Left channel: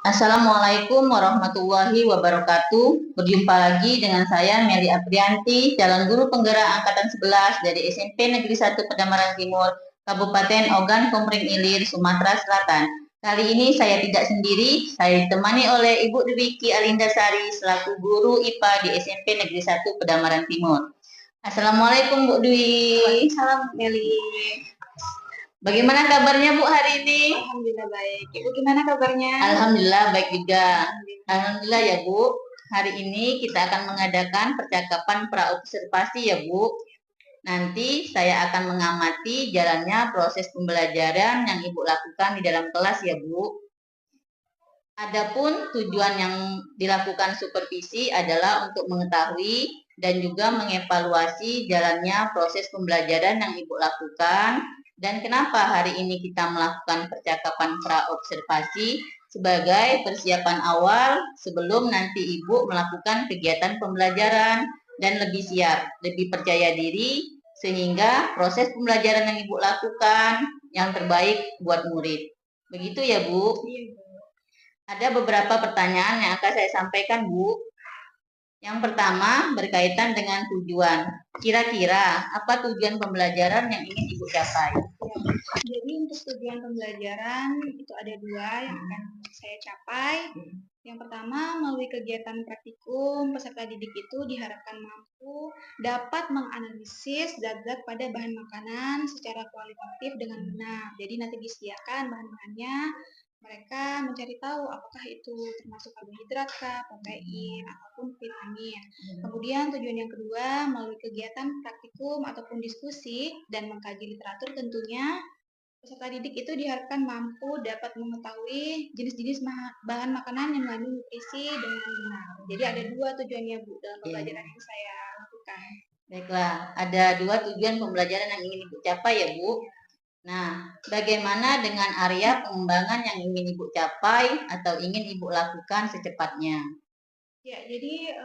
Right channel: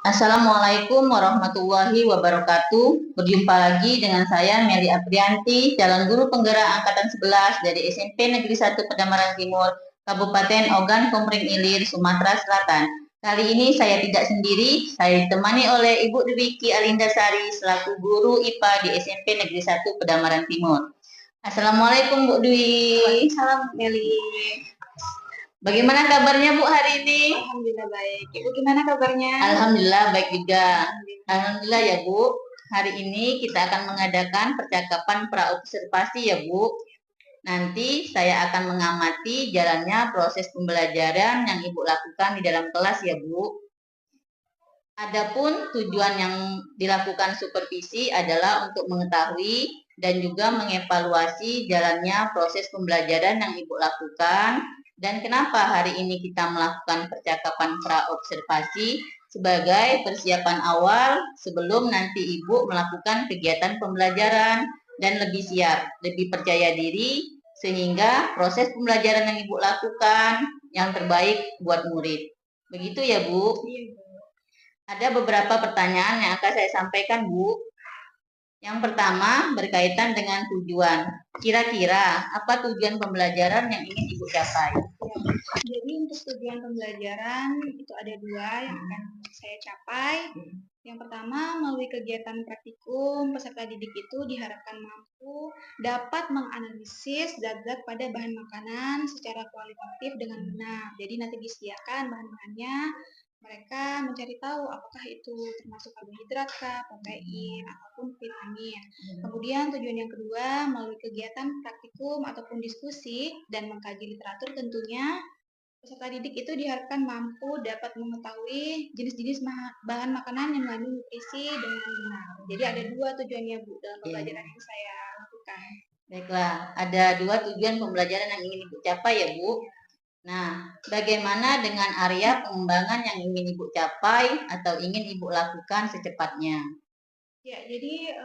Assalamualaikum warahmatullahi wabarakatuh. Berjumpa lagi dengan saya Meli Aprianti, calon guru penggerak angkatan 11 dari SMP Negeri 1 Pedamaran Timur, Kabupaten Ogan Komering Ilir, Sumatera Selatan. Kali ini saya tidak sendiri, saya ditemani oleh Ibu Dwiki Alindasari selaku guru IPA di SMP Negeri 1 Pedamaran Timur. Assalamualaikum Bu Dwi. Salam Meli. Bagaimana kabarnya Bu hari ini? Alhamdulillah baik. Ibu gimana kabarnya? Alhamdulillah baik juga. Alhamdulillah ya Bu. Hari ini kita akan mengadakan percakapan praobservasi ya Bu. Nanti saya akan mengamati jalannya proses pembelajaran yang Ibu lakukan di dalam kelas ya Bu. Adapun tujuan yang dilakukan supervisi adalah untuk mengetahui dan juga mengevaluasi jalannya proses pembelajaran yang Ibu lakukan dan kenapa hari ini kita melakukan percakapan praobservasi sebagai persiapan awal sebelum nanti Ibu melakukan kegiatan pembelajaran dan lebih siap, lebih percaya diri sehingga proses pembelajaran yang Ibu lakukan yang terbaik buat murid. Begitu ya Bu? Ada beberapa pertanyaan yang akan saya sampaikan, Bu. Yang pertama berkaitan dengan tujuan. Kira-kira apa tujuan pembelajaran yang ingin Ibu capai? Jadi untuk tujuan pembelajaran itu ada dua yang akan saya capai. Yang pertama, melalui kegiatan praktikum, peserta didik itu diharapkan mampu dapat menganalisis zat-zat pada bahan makanan secara kualitatif dengan benar. Jadi nanti disediakan bahan-bahannya, mereka mencari tahu apakah itu termasuk karbohidrat, protein, ataupun vitamin. Kemudian tujuan yang kedua, melalui kegiatan praktikum ataupun diskusi dan mengkaji literatur tentunya, peserta didik itu diharapkan mampu dapat mengetahui jenis-jenis bahan makanan yang mengandung nutrisi dengan benar. Jadi ada dua tujuannya Bu dalam pembelajaran yang saya lakukan. Baiklah, ada dua tujuan pembelajaran yang ingin Ibu capai ya Bu. Nah, bagaimana dengan area pengembangan yang ingin Ibu capai atau ingin Ibu lakukan secepatnya? Ya, jadi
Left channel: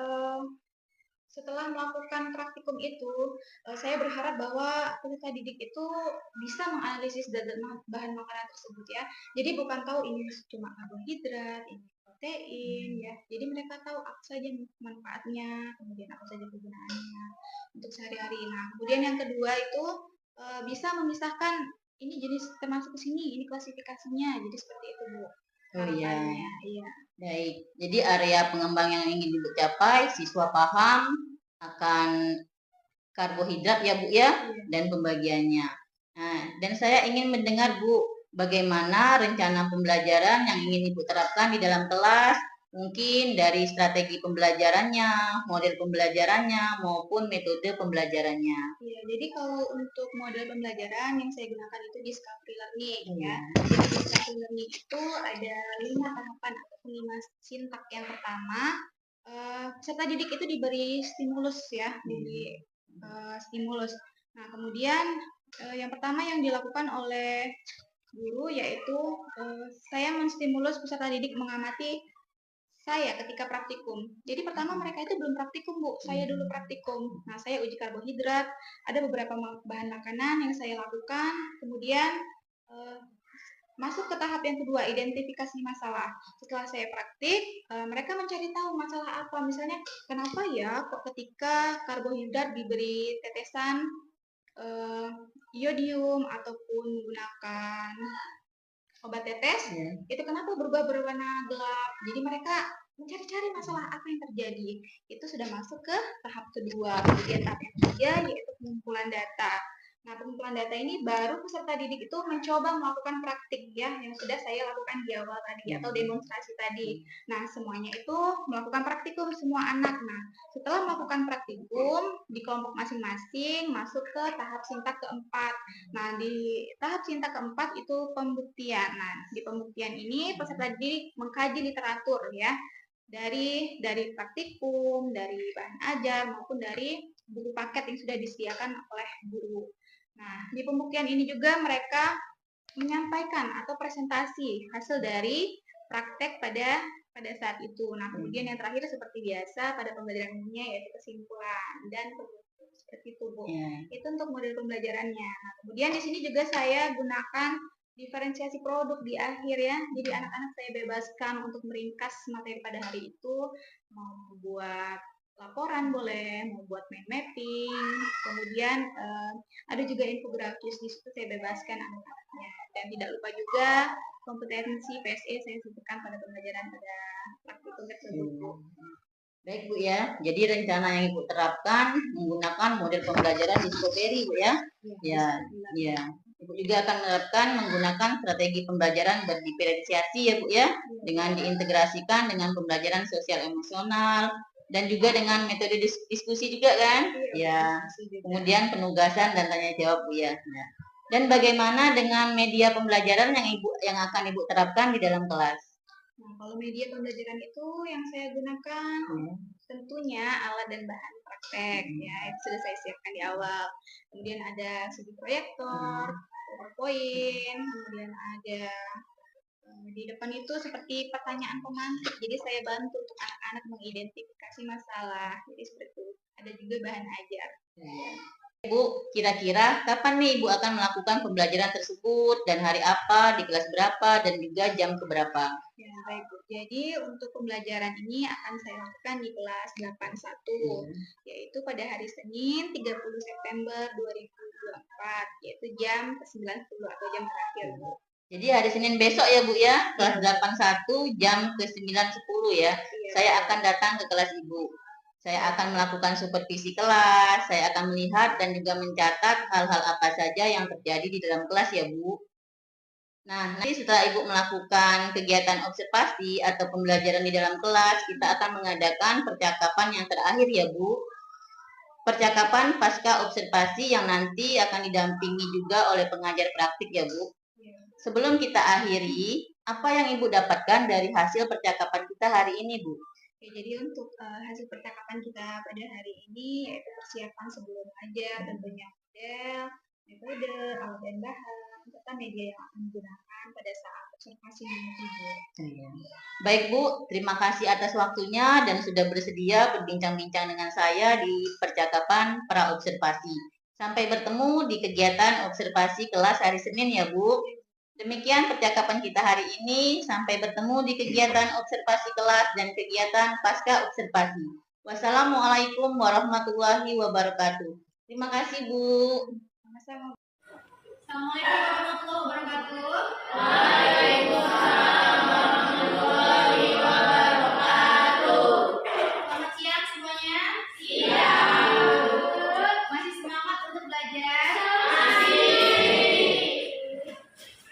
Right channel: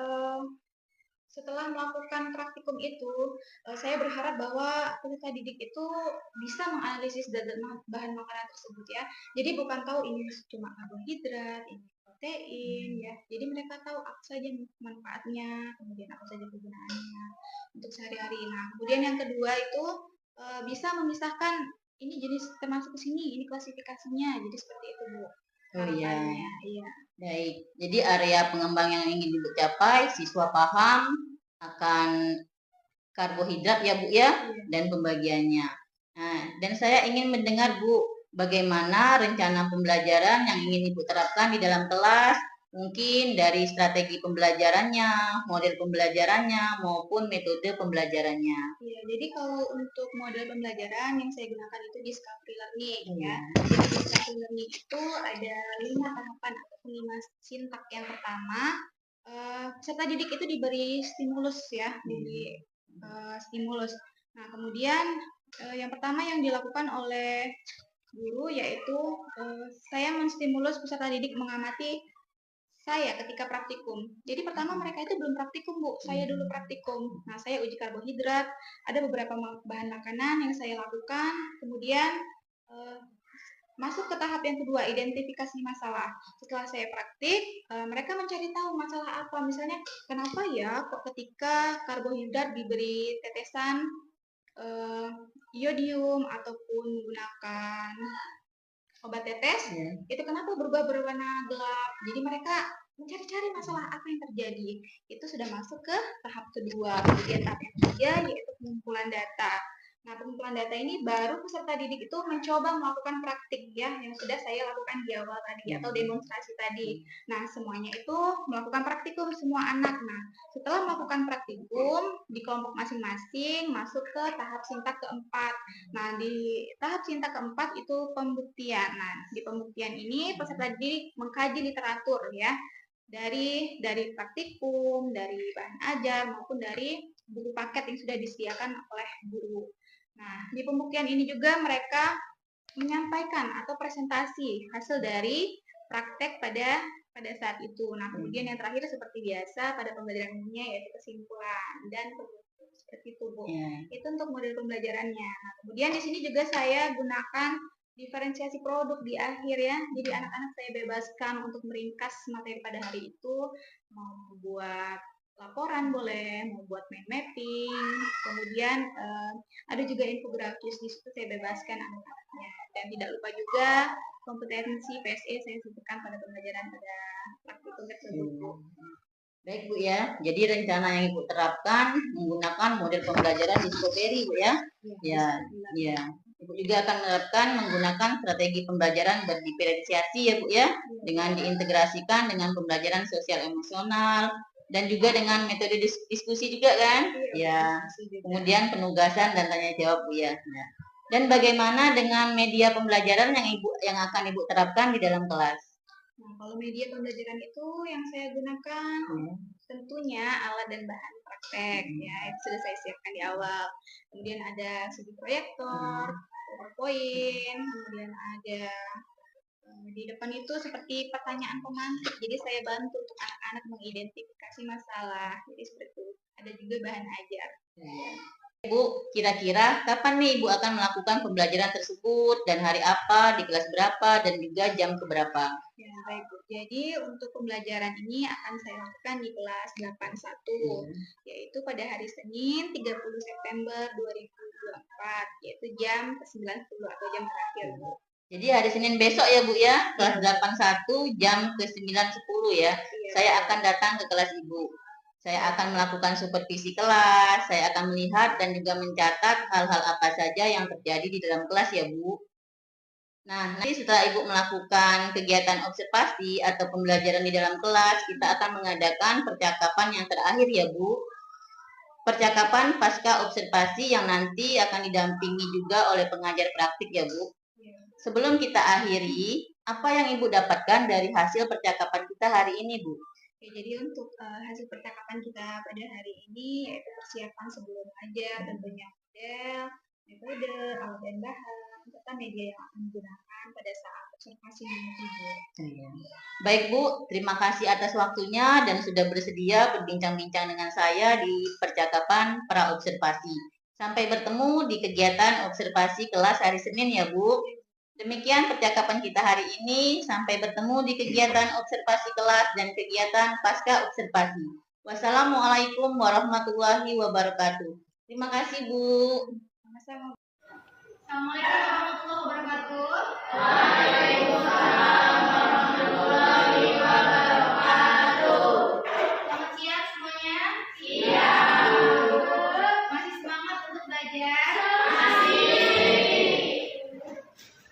setelah melakukan praktikum itu, saya berharap bahwa peserta didik itu bisa menganalisis bahan makanan tersebut ya. Jadi bukan tahu ini cuma karbohidrat, ini protein ya. Jadi mereka tahu apa saja manfaatnya, kemudian apa saja kegunaannya untuk sehari-hari. Nah, kemudian yang kedua itu bisa memisahkan ini jenis termasuk ke sini, ini klasifikasinya. Jadi seperti itu Bu. Oh iya. Iya. Baik. Jadi area pengembang yang ingin Ibu capai, siswa paham akan karbohidrat ya Bu ya, dan pembagiannya. Nah, dan saya ingin mendengar Bu, bagaimana rencana pembelajaran yang ingin Ibu terapkan di dalam kelas, mungkin dari strategi pembelajarannya, model pembelajarannya, maupun metode pembelajarannya. Ya, jadi kalau untuk model pembelajaran yang saya gunakan itu discovery learning ya. Jadi discovery learning itu ada 5 tahapan ataupun 5 sintak. Yang pertama, peserta didik itu diberi stimulus ya, stimulus. Nah, kemudian yang pertama yang dilakukan oleh guru yaitu saya menstimulus peserta didik mengamati saya ketika praktikum. Jadi pertama mereka itu belum praktikum Bu, saya dulu praktikum. Nah saya uji karbohidrat, ada beberapa bahan makanan yang saya lakukan, kemudian masuk ke tahap yang kedua, identifikasi masalah. Setelah saya praktik, mereka mencari tahu masalah apa. Misalnya, kenapa ya kok ketika karbohidrat diberi tetesan iodium ataupun menggunakan obat tetes, itu kenapa berubah berwarna gelap. Jadi mereka mencari-cari masalah apa yang terjadi. Itu sudah masuk ke tahap kedua. Kemudian tahap yang ketiga yaitu pengumpulan data. Nah, pengumpulan data ini baru peserta didik itu mencoba melakukan praktik ya, yang sudah saya lakukan di awal tadi atau demonstrasi tadi. Nah, semuanya itu melakukan praktikum semua anak. Nah, setelah melakukan praktikum di kelompok masing-masing masuk ke tahap sintak keempat. Nah, di tahap sintak keempat itu pembuktian. Nah, di pembuktian ini peserta didik mengkaji literatur ya, dari praktikum, dari bahan ajar maupun dari buku paket yang sudah disediakan oleh guru. Nah, di pembuktian ini juga mereka menyampaikan atau presentasi hasil dari praktek pada saat itu. Nah, kemudian yang terakhir seperti biasa pada pembelajaran umumnya yaitu kesimpulan dan seperti itu Bu. Itu untuk model pembelajarannya. Nah, kemudian di sini juga saya gunakan Diferensiasi produk di akhir ya. Jadi anak-anak saya bebaskan untuk meringkas materi pada hari itu, mau membuat laporan boleh, mau buat mind mapping, kemudian ada juga infografis di situ saya bebaskan anak-anaknya. Dan tidak lupa juga kompetensi PSE saya sebutkan pada pembelajaran pada praktikum tersebut. Baik Bu ya, jadi rencana yang Ibu terapkan menggunakan model pembelajaran Discovery Bu ya. Ya. Ibu juga akan menerapkan menggunakan strategi pembelajaran berdiferensiasi ya Bu ya, dengan diintegrasikan dengan pembelajaran sosial emosional dan juga dengan metode diskusi juga kan? Ya. Kemudian penugasan dan tanya jawab Bu ya. Dan bagaimana dengan media pembelajaran yang akan Ibu terapkan di dalam kelas? Nah, kalau media pembelajaran itu yang saya gunakan tentunya alat dan bahan praktek ya, itu sudah saya siapkan di awal. Kemudian ada sudut proyektor, PowerPoint, kemudian ada di depan itu seperti pertanyaan pemantik. Jadi saya bantu untuk anak-anak mengidentifikasi masalah. Jadi seperti itu. Ada juga bahan ajar. Ibu, kira-kira kapan nih Ibu akan melakukan pembelajaran tersebut dan hari apa, di kelas berapa, dan juga jam keberapa? Ya, baik Bu. Jadi untuk pembelajaran ini akan saya lakukan di kelas 81, yaitu pada hari Senin 30 September 2024, yaitu jam 9.10 atau jam terakhir Bu. Jadi hari Senin besok ya Bu ya, kelas 81 jam ke 9.10 ya. Saya akan datang ke kelas Ibu. Saya akan melakukan supervisi kelas, saya akan melihat dan juga mencatat hal-hal apa saja yang terjadi di dalam kelas ya Bu. Nah, nanti setelah Ibu melakukan kegiatan observasi atau pembelajaran di dalam kelas, kita akan mengadakan percakapan yang terakhir ya Bu. Percakapan pasca observasi yang nanti akan didampingi juga oleh pengajar praktik ya Bu. Sebelum kita akhiri, apa yang Ibu dapatkan dari hasil percakapan kita hari ini Bu? Oke, jadi untuk hasil percakapan kita pada hari ini yaitu persiapan sebelum ajar, tentunya model, metode, alat dan bahan, serta media yang akan digunakan pada saat observasi nanti Bu. Baik Bu, terima kasih atas waktunya dan sudah bersedia berbincang-bincang dengan saya di percakapan pra observasi. Sampai bertemu di kegiatan observasi kelas hari Senin ya Bu. Demikian percakapan kita hari ini. Sampai bertemu di kegiatan observasi kelas dan kegiatan pasca observasi. Wassalamualaikum warahmatullahi wabarakatuh. Terima kasih Bu. Sama-sama. Assalamualaikum warahmatullahi wabarakatuh. Waalaikumsalam warahmatullahi wabarakatuh. Selamat siang semuanya. Siang. Masih semangat untuk belajar?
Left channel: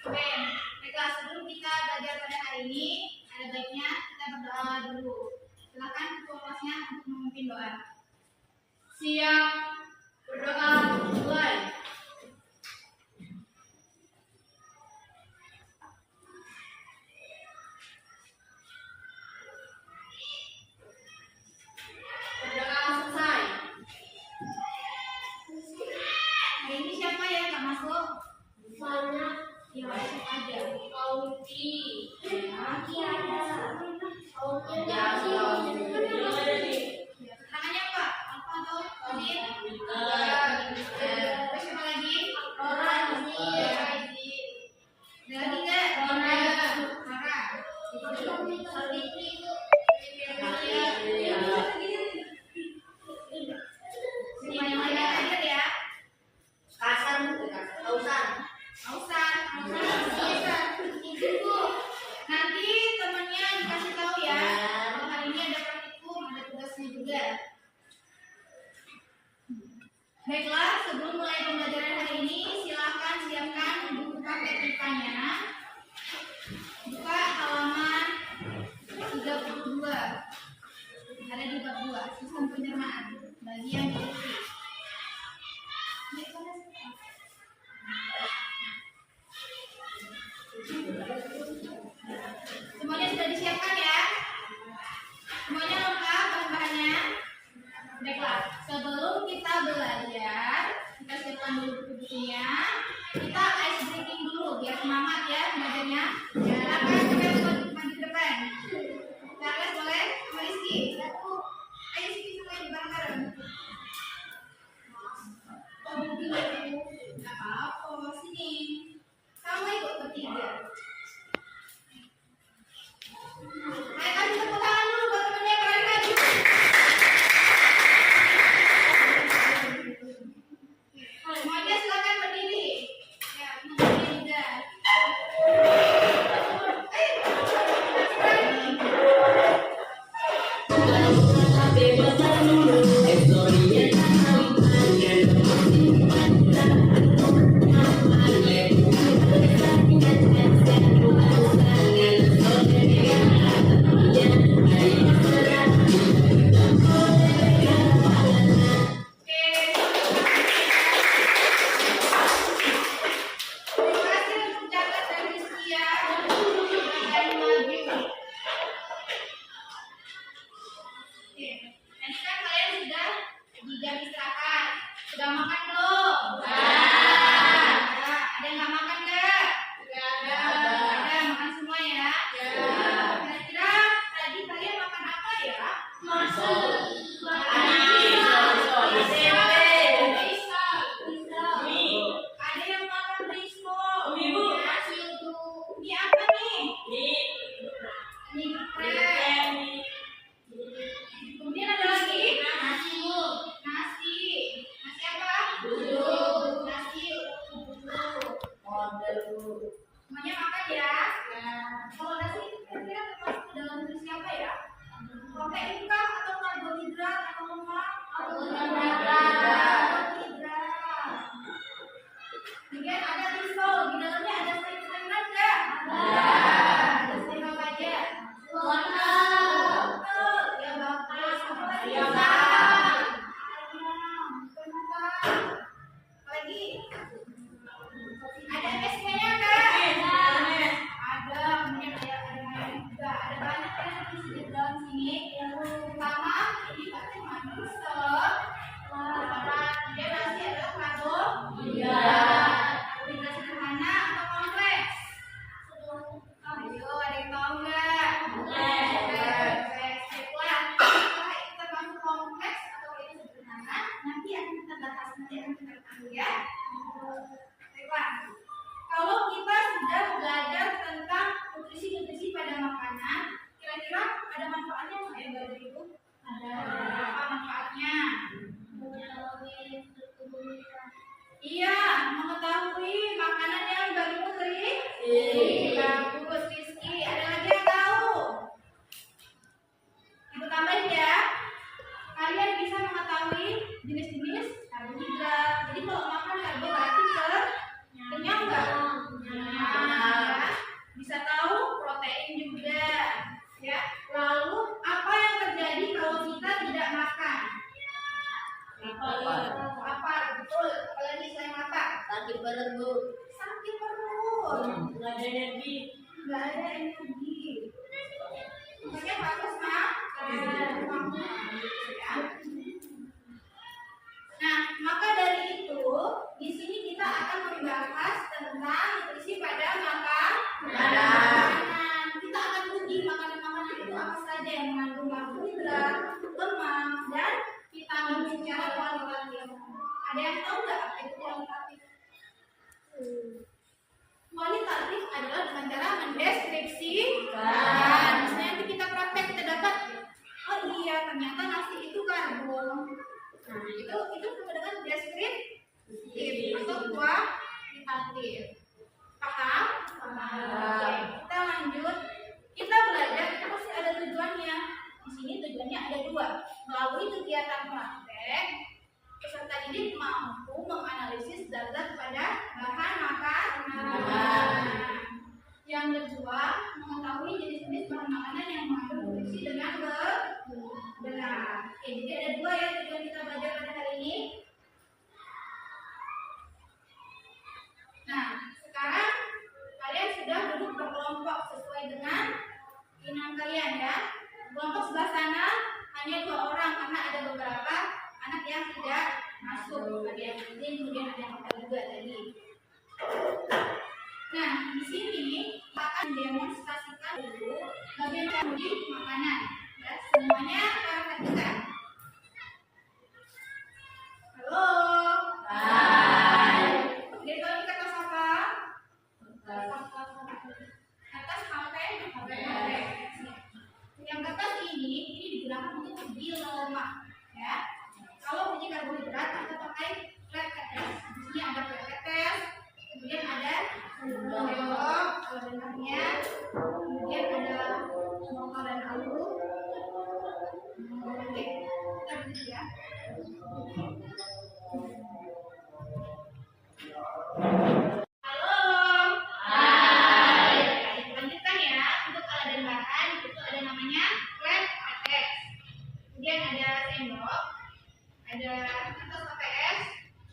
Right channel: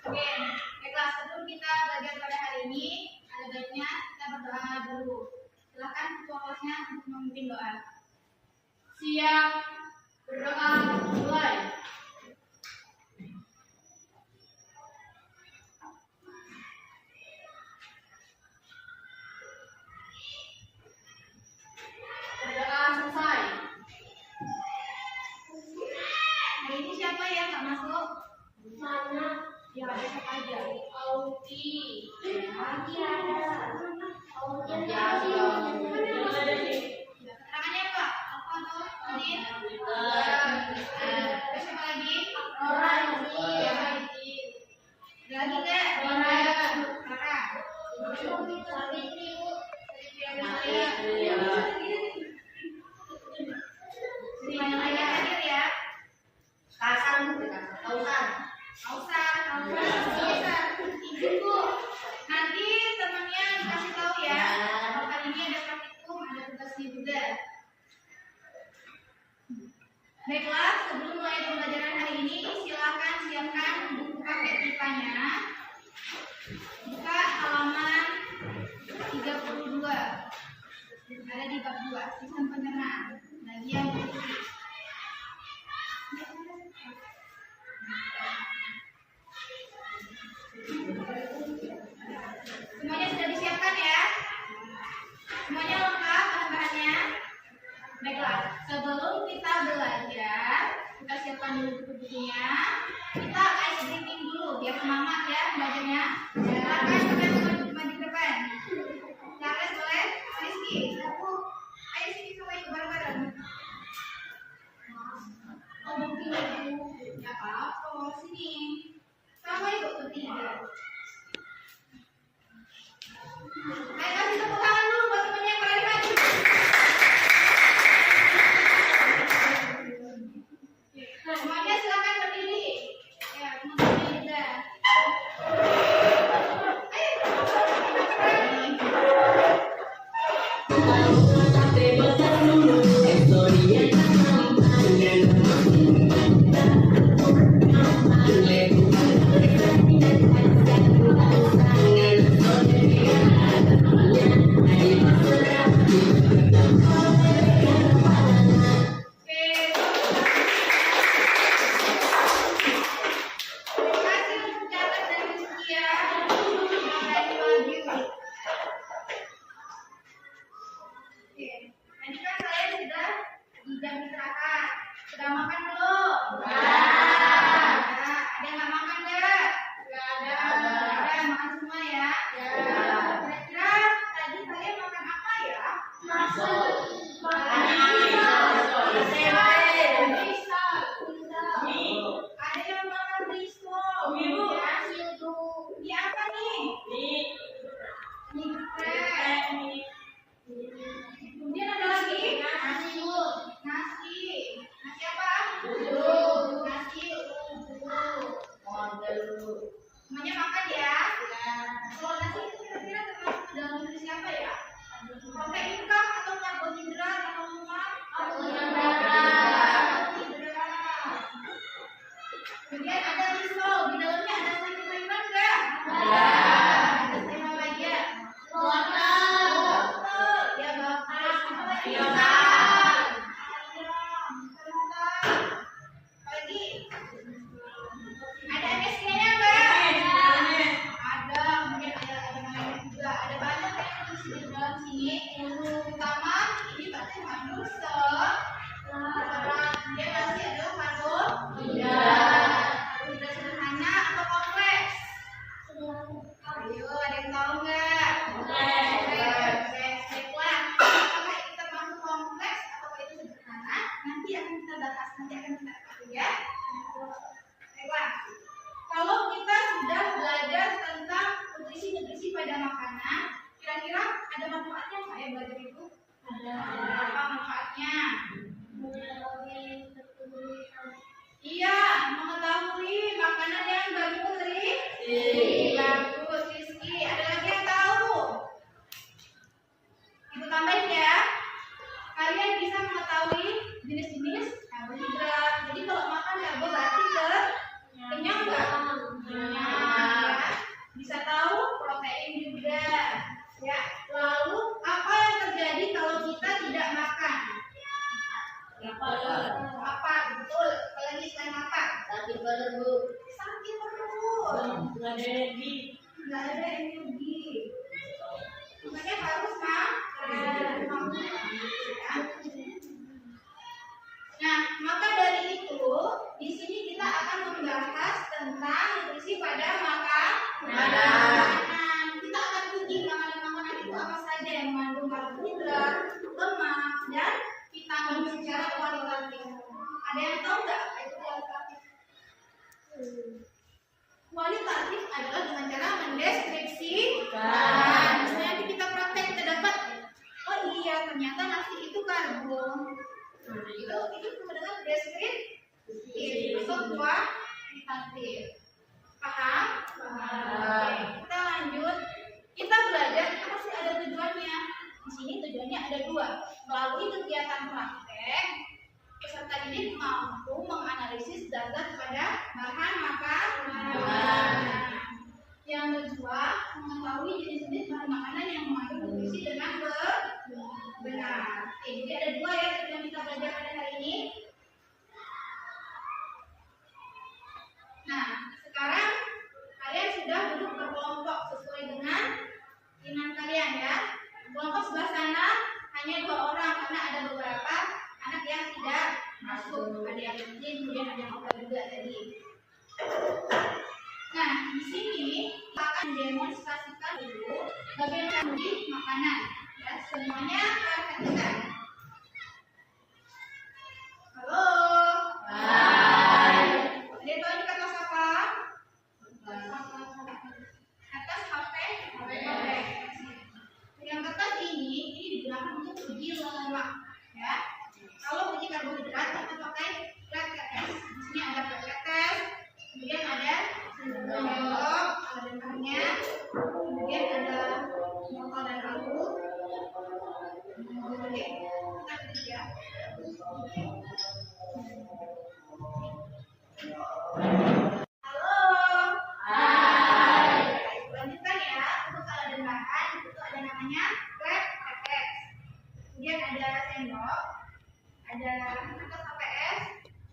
Oke, baiklah, sebelum kita belajar pada hari ini, ada baiknya kita berdoa dulu. Silakan ketua kelasnya untuk memimpin doa. Siap. Berdoa mulai. Berdoa selesai. Hari ini siapa ya nggak masuk? Sana. Ya, besok aja. Auti. Lagi ada. Auti Ya, ada di. Ya, keterangannya Pak. Apa atau Adin? Terus siapa lagi? Rorazi. Ada lagi nggak? Rara. Savitri, Bu. Semuanya hadir ya. Kasan, Bu. Kausan. Ausar. Izin Bu. Nanti temennya dikasih tahu ya. Kalau hari ini ada praktikum, ada tugasnya juga. Baiklah, sebelum mulai pembelajaran hari ini, silakan siapkan buku paket IPA-nya. Buka halaman 32. Ada di bab 2, sistem pencernaan. Bagian nutrisi. Semuanya sudah disiapkan ya? Semuanya lengkap bahan-bahannya? Baiklah, sebelum kita belajar, kita siapkan dulu buku-bukunya. Kita ice breaking dulu biar semangat ya belajarnya. Silakan sampai maju ke depan. Charles boleh? Sama Rizky. Ayo sini sampai bareng-bareng. Oh, mungkin nggak apa-apa. Sini. Kamu ikut bertiga. manfaatnya. Iya, mengetahui makanan yang bagi putri. Bagus, Rizky. Ada lagi yang tahu? Ibu tambahin ya. Kalian bisa mengetahui jenis-jenis karbohidrat. Jadi kalau makan karbo berarti kenyang nggak? Kenyang. Ya. Bisa tahu protein juga. Ya. Lalu apa yang terjadi kalau kita tidak makan? Apa? Betul. Apalagi selain apa? Sakit perut, Bu. Sakit perut. Nggak ada energi. Nggak ada energi. Makanya harus makan. Ya. Nah, maka dari itu di sini kita akan membahas tentang nutrisi pada makanan. Kita akan uji makanan-makanan itu apa saja yang mengandung karbohidrat, lemak, dan vitamin secara kualitatif. Ada yang tahu nggak apa itu kualitatif? Kualitatif adalah dengan cara mendeskripsikan. Misalnya nanti kita praktek, kita dapat, oh iya ternyata nasi itu karbo. Itu sama dengan deskriptif atau kualitatif. Paham? Oke, kita lanjut. Kita belajar itu pasti ada tujuannya. Di sini tujuannya ada dua. Melalui kegiatan praktek, peserta didik mampu menganalisis data pada bahan makanan. Yang kedua, mengetahui jenis-jenis bahan makanan yang mengandung nutrisi dengan benar. Oke, jadi ada dua ya tujuan kita belajar pada hari ini. Nah, sekarang kalian sudah duduk berkelompok sesuai dengan keinginan kalian ya. Kelompok sebelah sana hanya 2 orang karena ada beberapa anak yang tidak masuk. Ada yang izin, kemudian ada yang hotel juga tadi. Nah, di sini kita akan mendemonstrasikan dulu bagaimana menguji makanan. Ya, semuanya perhatikan. Halo. Hai. Ada yang tahu ini kata siapa? Atas HP. Yang kertas ini digunakan untuk uji lemak. Ya. Kalau uji karbohidrat kita pakai flat test. Di sini ada flat test, kemudian ada sendok, ada dengarnya, kemudian ada wortel dan alu. Oke, kita berdiri ya. Halo. Hai. Lanjutkan ya. Untuk alat dan bahan itu ada namanya flat test. Kemudian ada sendok, ada kertas HPS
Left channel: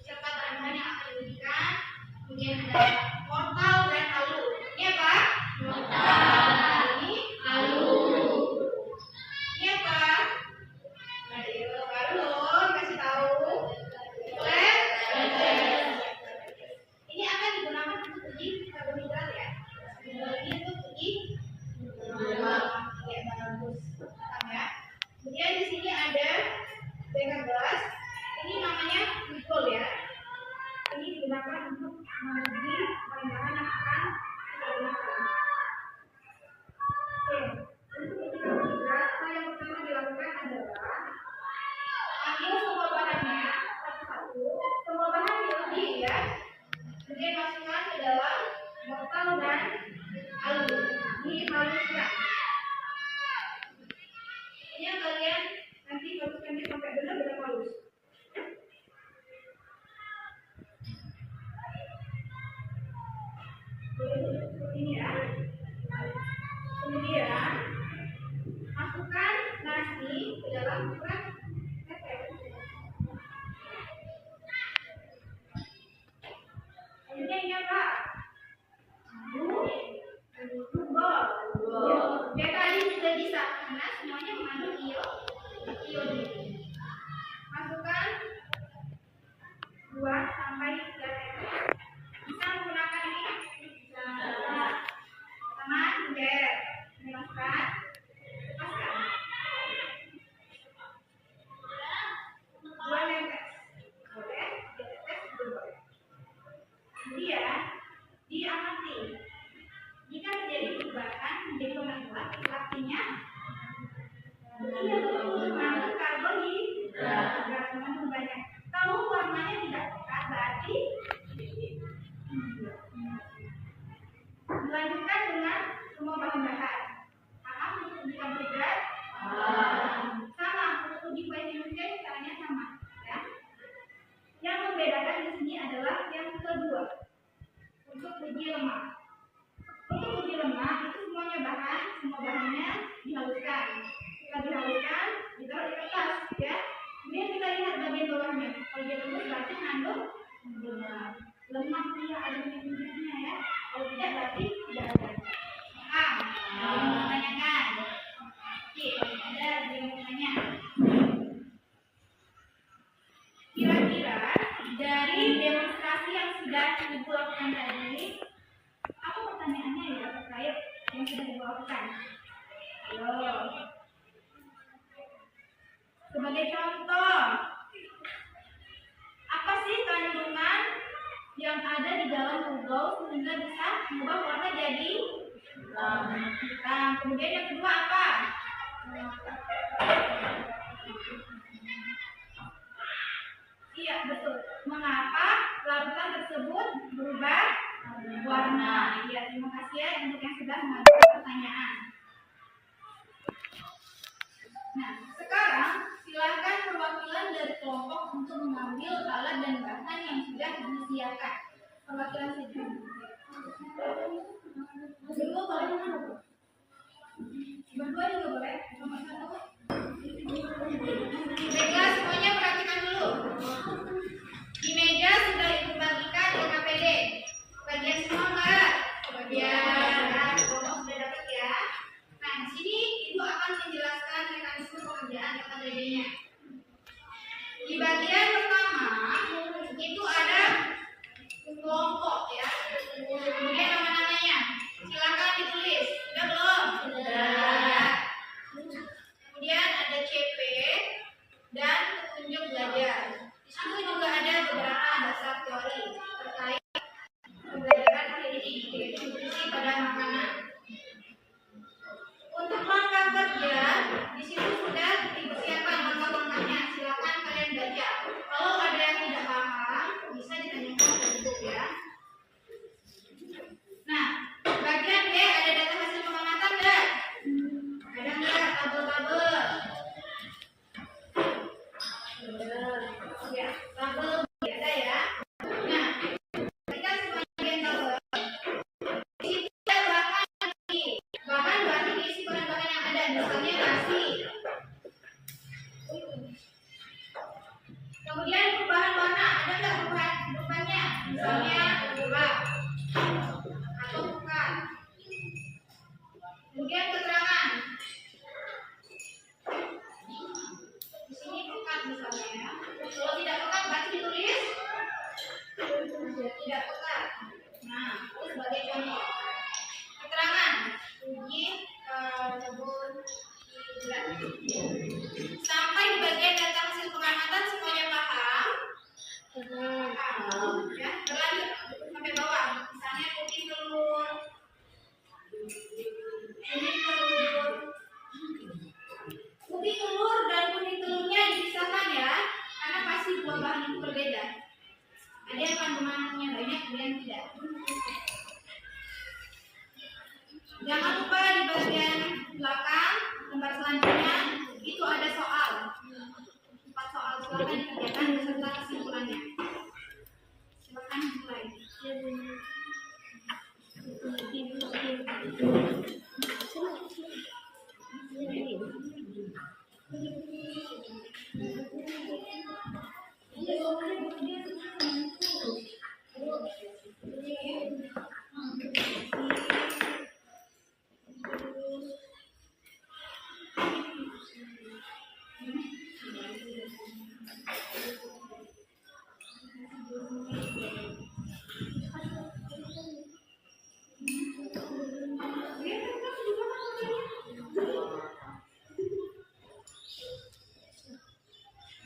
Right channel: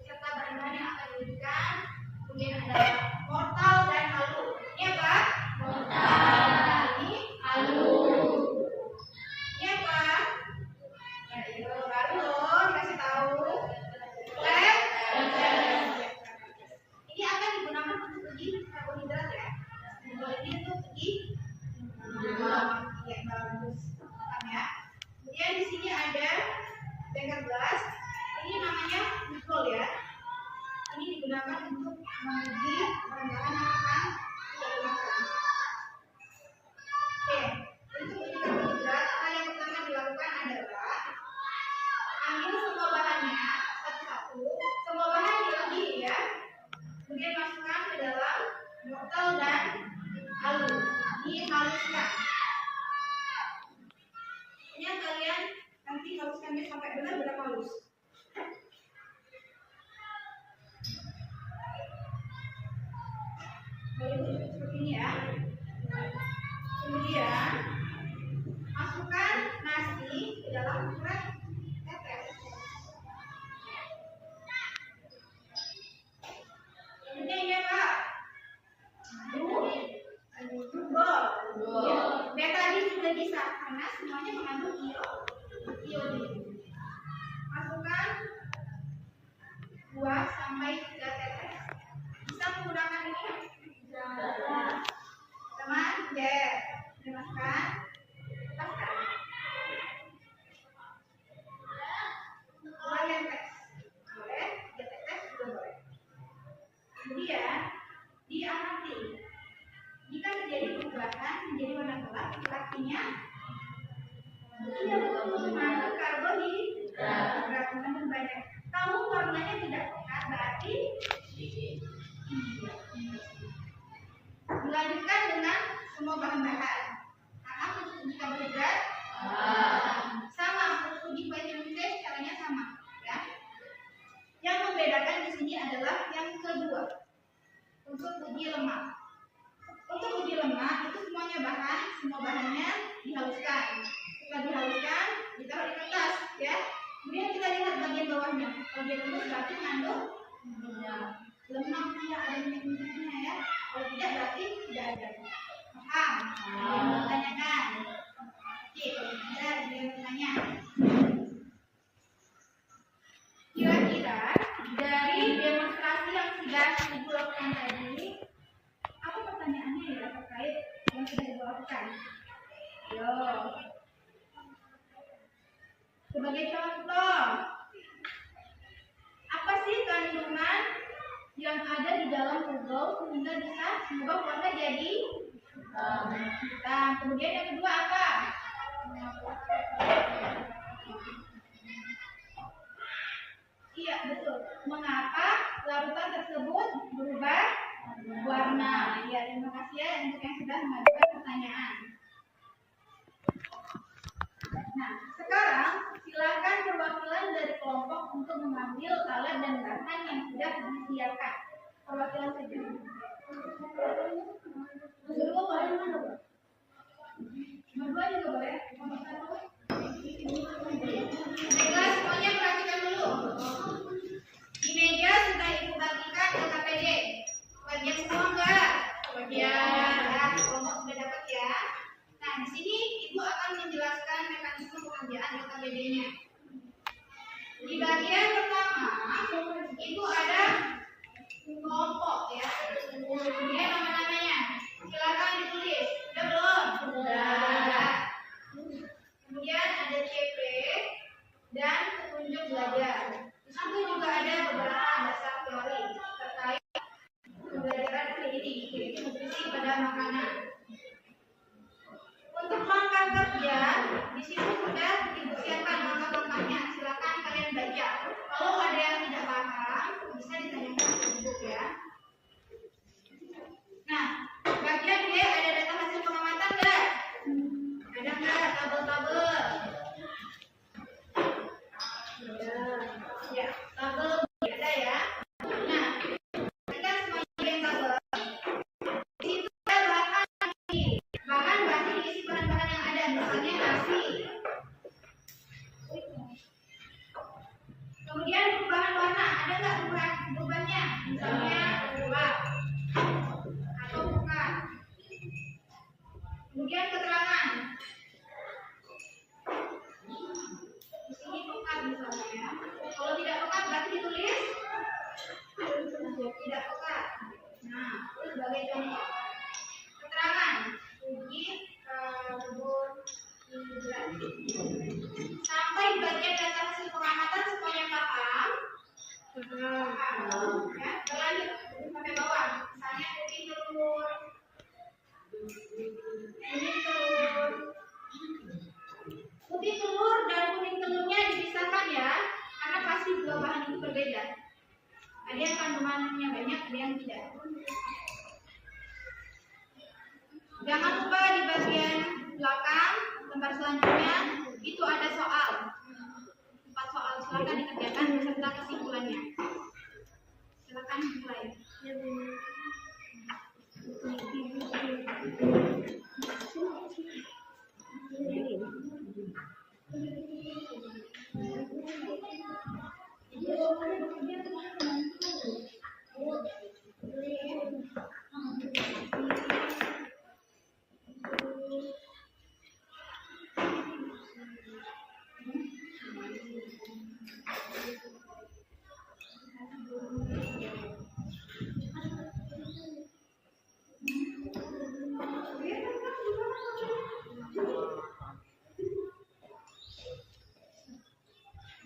serta bahan-bahan yang akan diujikan. Kemudian ada wortel dan alu. Ini apa? Wortel. Ini alu. Ini apa? Ayo, baru loh kasih tahu. Flat test. Ini akan digunakan untuk uji karbohidrat ya. Ini untuk uji lemak. Oke, bagus. Paham ya. Kemudian di sini ada beker gelas. Ini namanya glikol ya. Ini digunakan untuk menguji bahan-bahan yang akan kita gunakan. Oke, untuk uji karbohidrat, hal yang pertama dilakukan adalah ambil semua bahannya satu-satu. Semua bahan diuji ya. Kemudian masukkan ke dalam wortel dan alu, dihaluskan. Ini yang kalian nanti haluskan sampai benar-benar halus. Seperti ini ya. Kemudian masukkan nasi ke dalam flat test. Kemudian ya Pak, bol. Betadin juga bisa karena semuanya mengandung iodin. Masukkan 2 sampai 3 tetes. Bisa menggunakan ini? Bisa. Teman, jet. Dimasukkan. Lepaskan. 2 tetes. Boleh? 3 tetes juga boleh. Kemudian diamati. Jika terjadi perubahan menjadi warna gelap, itu artinya iya betul mengandung karbohidrat. Sama, untuk uji vitamin C caranya sama, ya. Yang membedakan di sini adalah yang kedua, untuk uji lemak. Untuk uji lemak itu semua bahannya dihaluskan. Setelah dihaluskan, ditaruh di kertas, ya. Kemudian kita lihat bagian bawahnya. Kalau dia tembus berarti mengandung lemak, dia ada minyak-minyaknya, ya. Kalau tidak berarti tidak ada. Paham? Tanyakan. Oke, kalau ada yang bertanya. Kira-kira dari demonstrasi yang sudah Ibu lakukan tadi, apa pertanyaannya ya terkait yang sudah Ibu lakukan? Ayo. Sebagai contoh, apa sih kandungan yang ada di dalam pugau sehingga bisa mengubah warna jadi hitam? Kemudian yang kedua apa? Iya, betul. Mengapa larutan tersebut berubah warna? Ya, terima kasih ya untuk yang sudah mengajukan pertanyaan. Nah, sekarang silakan perwakilan dari kelompok untuk mengambil alat dan bahan yang sudah disediakan. Perwakilan saja. Berdua boleh? Berdua juga boleh? Nomor satu. Baiklah, semuanya perhatikan dulu. Di meja sudah Ibu bagikan LKPD. Bagian semua enggak? Bagian. Kelompok sudah dapat ya. Nah, di sini Ibu akan menjelaskan mekanisme pengerjaan LKPD-nya. Di bagian pertama itu ada kelompok ya. Kemudian nama-namanya. Silakan ditulis. Sudah belum? Sudah. Kemudian ada CP dan petunjuk belajar. Di situ juga ada beberapa dasar teori terkait pembelajaran ini, yaitu nutrisi pada makanan. Untuk langkah kerja, di situ sudah dipersiapkan langkah-langkahnya. Silakan kalian baca. Kalau ada yang tidak paham, bisa ditanyakan ke ibu ya. Nah, bagian B ada data hasil pengamatan nggak? Ada nggak tabel-tabel? Ya, tabel ada ya. Nah, kita semuanya yang tabel. Di situ ada bahan diisi bahan-bahan yang ada, misalnya nasi. Kemudian perubahan warna, ada nggak perubahannya? Misalnya gelap atau bukan. Kemudian keterangan. Di sini pekat misalnya. Kalau tidak pekat berarti ditulis tidak pekat. Nah, itu sebagai contoh. Keterangan. Uji kebun hijau. Sampai di bagian data hasil pengamatan semuanya paham? Paham. Ya, berlanjut sampai bawah. Misalnya putih telur, kuning telur. Putih telur dan kuning telurnya dipisahkan ya, karena pasti dua bahan itu berbeda. Ada yang kandungannya banyak, ada yang tidak. Jangan lupa di bagian belakang lembar selanjutnya itu ada soal. 4 soal, silakan dikerjakan beserta kesimpulannya. Silakan mulai.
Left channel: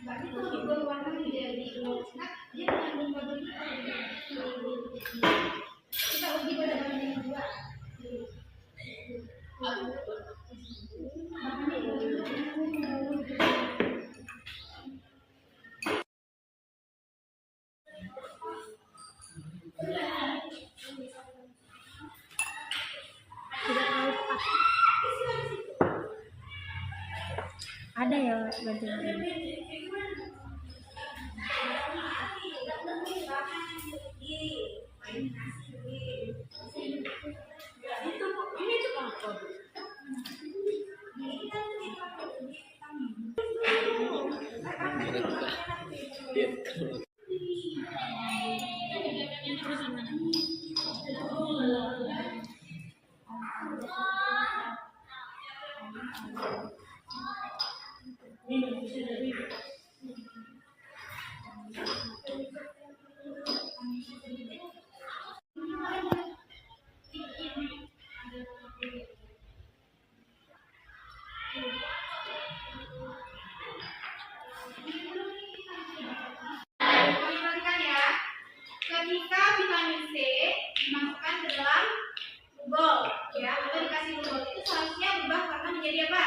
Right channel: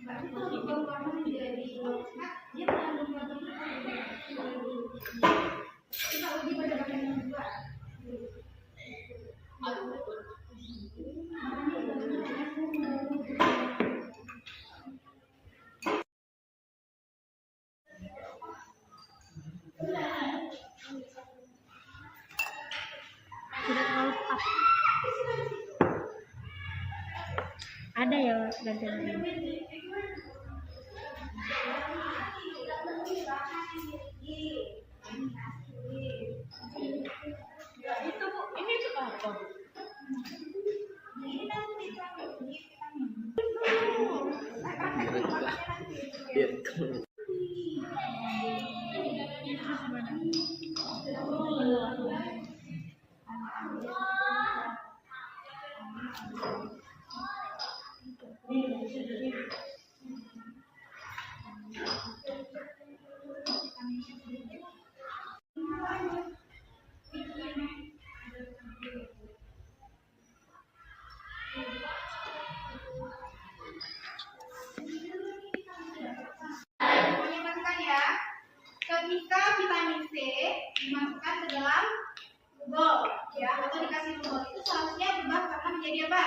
Berarti kalau dibuang warna menjadi nah, dia mengandung karbon. Kita uji pada bagian yang kedua. Ada ya pelajaran ini. Itu Bu, ini tuh apa Bu? Ini nanti praktek vitamin. Perhatikan ya, ketika vitamin C dimasukkan ke dalam bubol, ya, atau dikasih bubol, itu seharusnya berubah warna menjadi apa?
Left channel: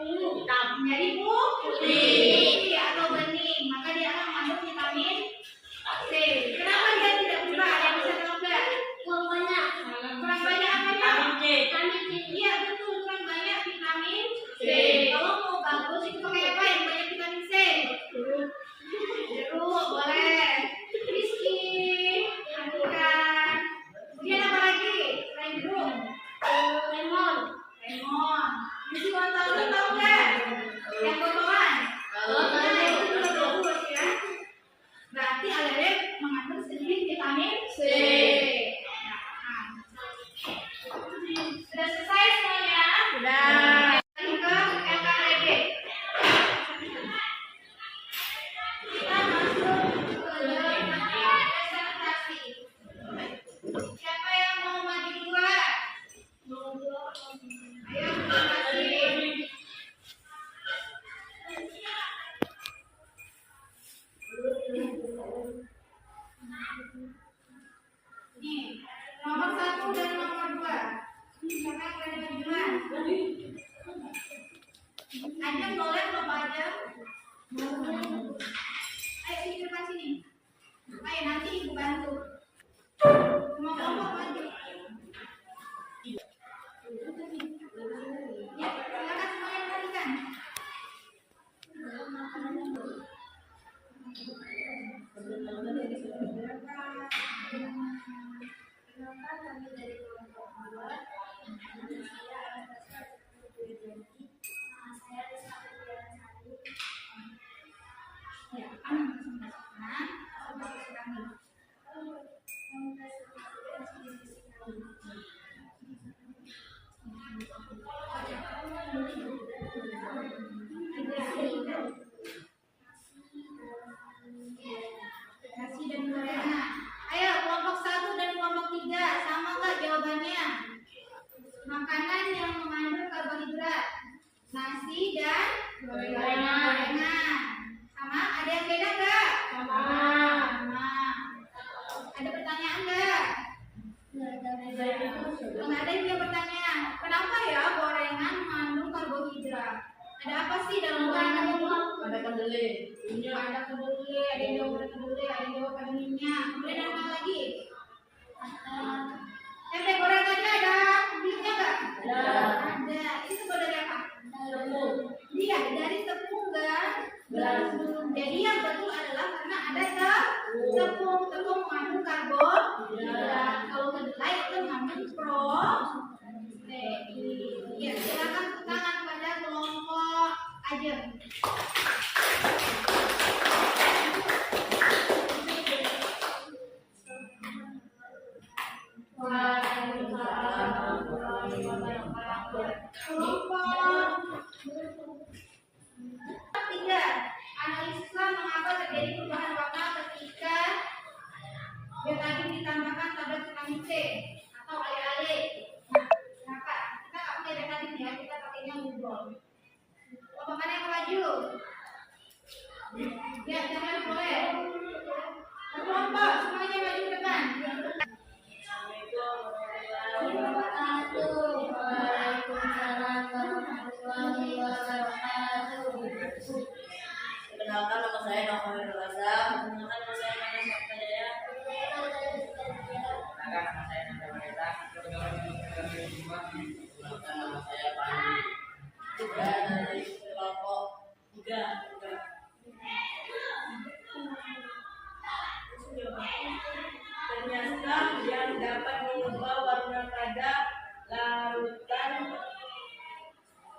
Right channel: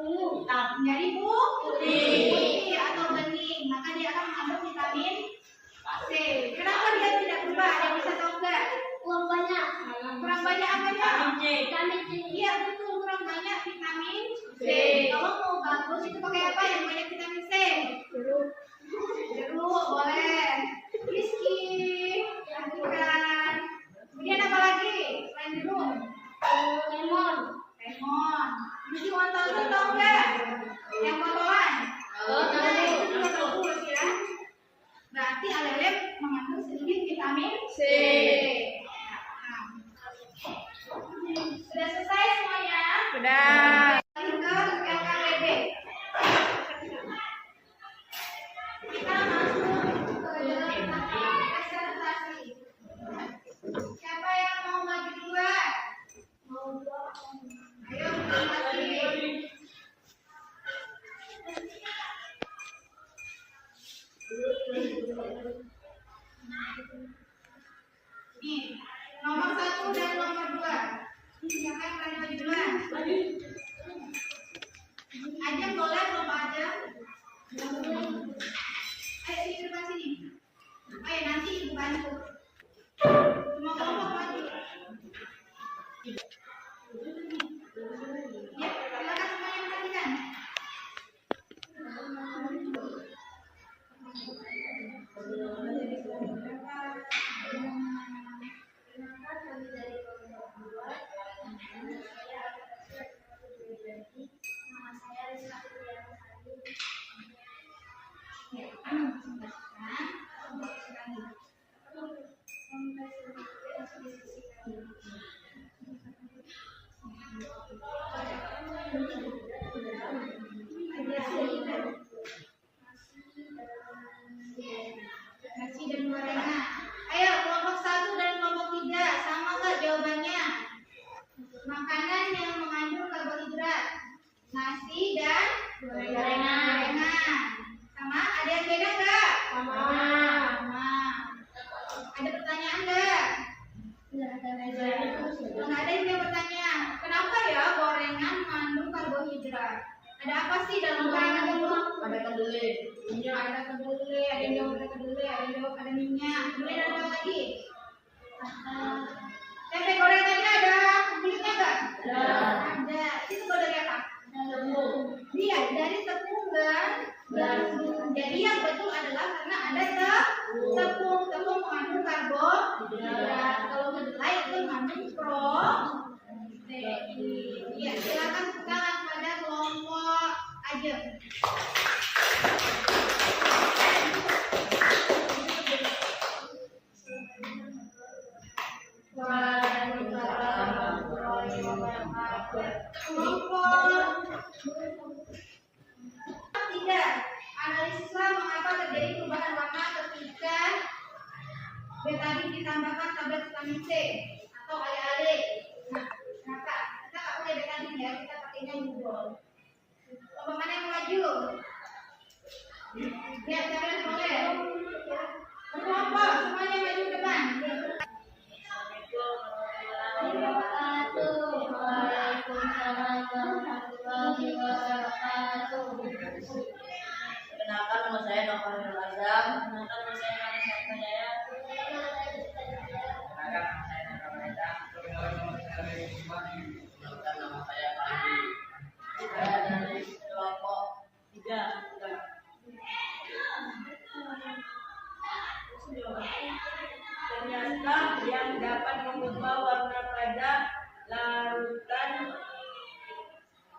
Ungu, menjadi putih atau bening, maka dia akan mengandung vitamin C. Kenapa dia tidak berubah? Ada yang bisa tahu nggak? Kurang banyak. Kurang banyak apanya? Vitamin C. Iya betul, kurang banyak vitamin C. Kalau mau bagus itu pakai apa yang banyak vitamin C? Jeruk boleh. Rizky, lakukan. Kemudian apa lagi? Selain jeruk? Lemon. Lemon. Misi mau tahu nggak? Yang botolan? Nah, itu juga bagus ya. Berarti aloe mengandung sedikit vitamin C. Nah, sudah selesai semuanya? Sudah. Lari ke NKTB. Kita masuk ke dalam tahap presentasi. Siapa yang mau maju duluan? Ayo presentasi. Nih, nomor 1 dan nomor 2. Siapa yang berani maju duluan? Ajeng boleh belum Pak Ajeng? Ayo sini ke depan sini. Ayo nanti ibu bantu. Semua kelompok maju. Ya, silakan semuanya perhatikan. Ya, kami presentasikan. Nasi dan gorengan. Ayo kelompok 1 dan kelompok 3 sama nggak jawabannya? Makanan yang mengandung karbohidrat. Nasi dan gorengan. Sama? Ada yang beda nggak? Sama. Ada pertanyaan nggak? Nggak ada yang punya pertanyaan. Kenapa ya gorengan mengandung karbohidrat? Ada apa sih dalam gorengan itu? Ada kedelai. Ada kedelai, ada yang jawab ada kedelai, ada yang jawab ada minyak. Kemudian ada apa lagi? Tempe gorengannya ada minyak nggak? Ada. Itu buat dari apa? Iya, dari tepung dan gandum. Jadi yang betul adalah karena ada tepung. Tepung mengandung karbohidrat. Kalau kedelai itu mengandung protein. Iya, silakan tepuk tangan pada kelompok Ajeng. Kelompok 3. Analisislah mengapa terjadi perubahan warna ketika betadine ditambahkan tablet vitamin C atau ale-ale. Nah, kenapa? Kita nggak pakai betadine ya, kita pakainya bubol. Kelompok mana yang mau maju? Ya, jangan boleh. Kelompok semuanya maju ke depan. Waalaikumsalam warahmatullahi wabarakatuh. Perkenalkan nama saya Nova Azam. Perkenalkan nama saya Nana Saktajaya. Perkenalkan nama saya Nanda Maneta. Perkenalkan nama saya Pandi. Saya dari kelompok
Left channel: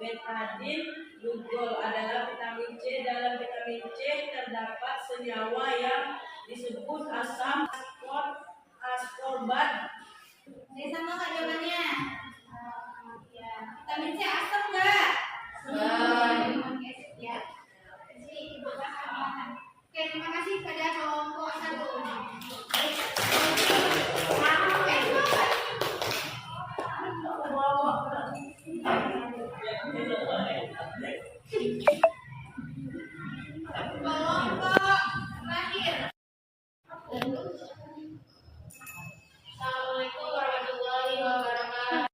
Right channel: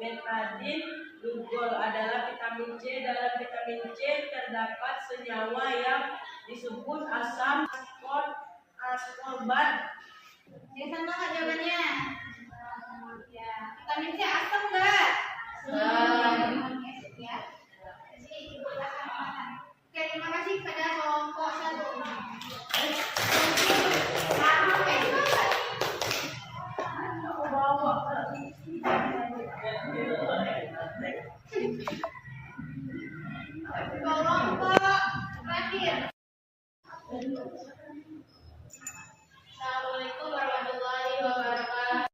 betadine. Glucose adalah vitamin C. Dalam vitamin C terdapat senyawa yang disebut asam ascorbat. Ini sama nggak jawabannya? Ya, vitamin C asam nggak? Ya. Jadi ibu kasih. Oke, terima kasih pada kelompok 1. Kelompok terakhir. Assalamualaikum warahmatullahi wabarakatuh.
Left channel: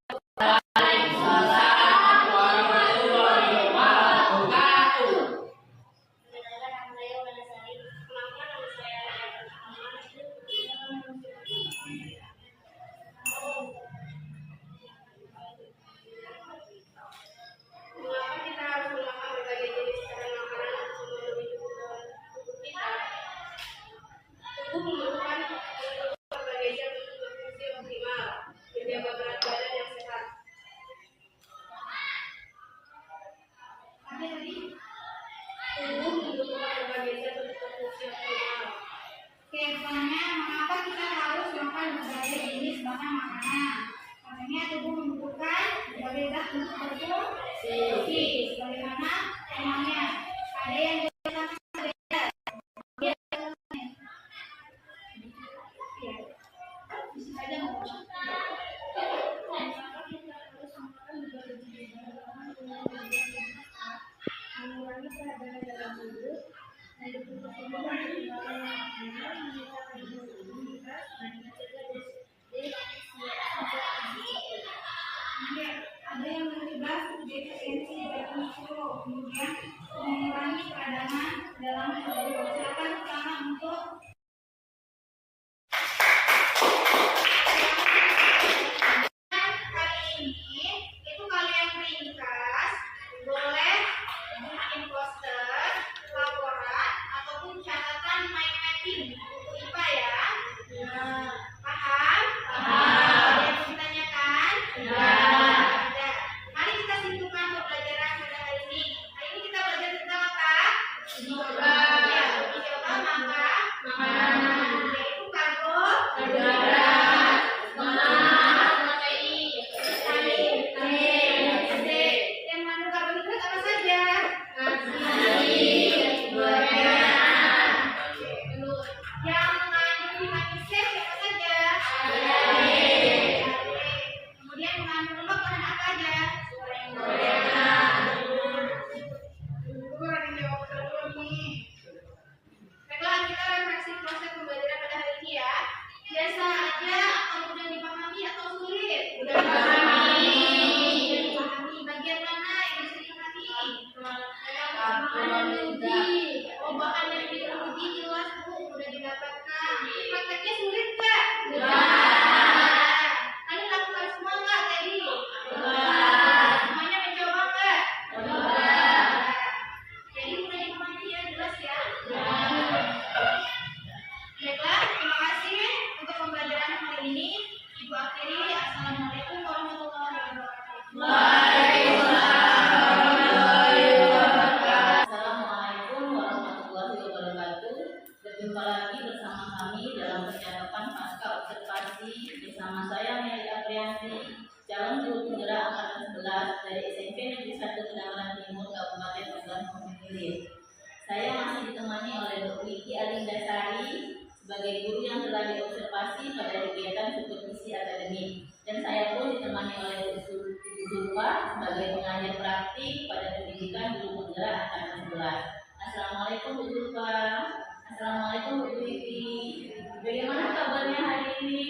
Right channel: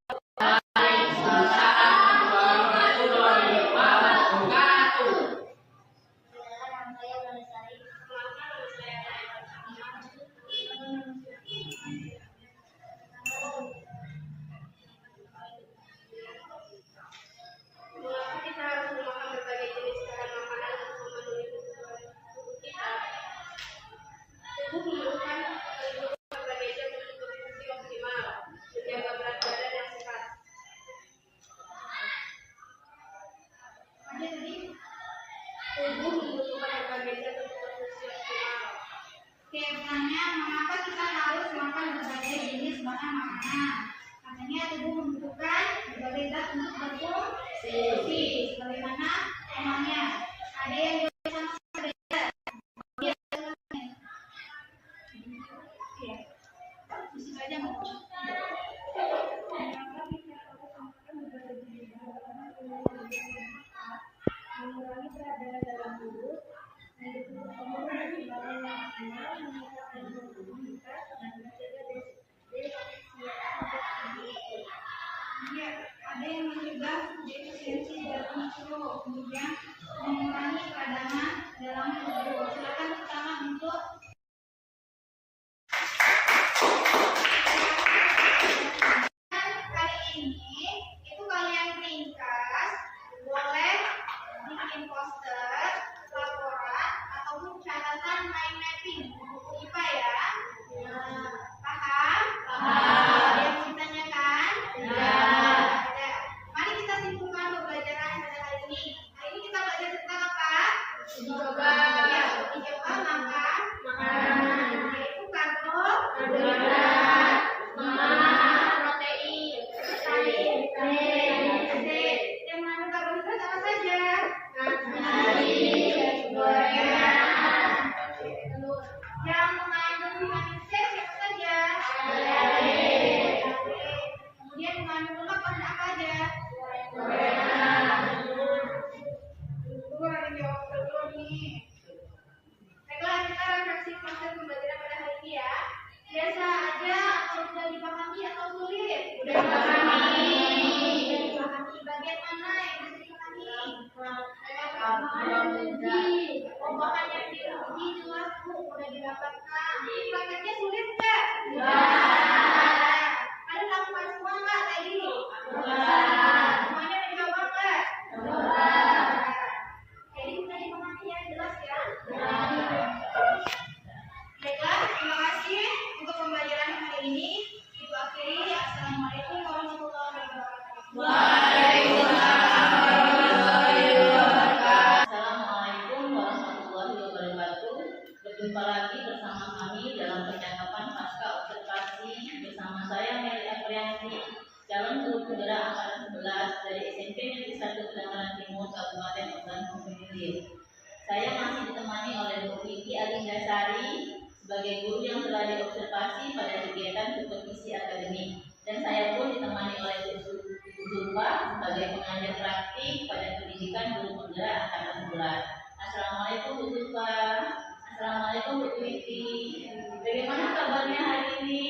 Mengapa kita harus memakan berbagai jenis bahan makanan untuk memenuhi kebutuhan tubuh kita? Tubuh memerlukan berbagai zat untuk berfungsi optimal, menjaga berat badan yang sehat. Apa tadi? Tubuh membutuhkan berbagai zat untuk berfungsi optimal. Oke, pertanyaan, mengapa kita harus makan berbagai jenis bahan makanan? Katanya tubuh membutuhkan berbagai zat untuk berfungsi. Bagaimana emangnya? Ada yang jawab sama berbeda? Ya. Bisa saja ngomong. Mengapa kita harus makan berbagai jenis bahan makanan untuk mengurangi berat badan dalam tubuh, mendukung pertumbuhan dan kembangan yang optimal, meningkatkan imunitas, dan mencegah defisiensi zat gizi. Ada yang mencegah defisiensi zat gizi, kemudian mengurangi peradangan dalam tubuh. Silakan pertama untuk hari ini itu kalian ringkas, boleh bikin poster, laporan, ataupun catatan mind mapping buku IPA ya. Paham? Paham. Ada yang ditanyakan? Ya. Ada. Mari kita simpulkan pembelajaran pada hari ini. Hari ini kita belajar tentang apa? Uji coba. Ya, uji coba makanan. Yaitu karbohidrat, protein, vitamin, yang mengandung karbohidrat apa saja? Nasi, gorengan. Yang mengandung vitamin C siapa saja? Kemudian mengandung lemak bahan apa aja? Gorengan. Dulu ada yang jawab dulu nih. Baiklah, kita refleksi proses pembelajaran pada hari ini ya. Biasa aja atau mudah dipahami atau sulit? Mudah dipahami. Mudah dipahami. Bagian mana yang bisa dipahami? Bahan uji. Oh, bahan yang diuji jelas Bu, mudah didapatkan. Prakteknya sulit nggak? Enggak. Kalian lakukan semua nggak tadi? Enggak. Semuanya mencoba nggak? Enggak. Jadi mudah dipahami ya, jelas ya? Baiklah, terima kasih untuk pembelajaran hari ini. Ibu akhiri, Assalamualaikum warahmatullahi wabarakatuh. Assalamualaikum warahmatullahi wabarakatuh. Berjumpa lagi bersama kami dalam percakapan pasca observasi bersama saya Meli Aprianti, calon guru penggerak angkatan 11 dari SMP Negeri 1 Kedangaran Timur, Kabupaten Ogan Komering Ilir. Saya masih ditemani oleh Bu Wiki Alindasari sebagai guru yang telah diobservasi pada kegiatan supervisi akademik, dan saya pun ditemani oleh Bu Zulfa sebagai pengajar praktik pada pendidikan guru penggerak angkatan 11. Assalamualaikum Bu Zulfa. Assalamualaikum Bu Wiki. Bagaimana kabarnya hari ini?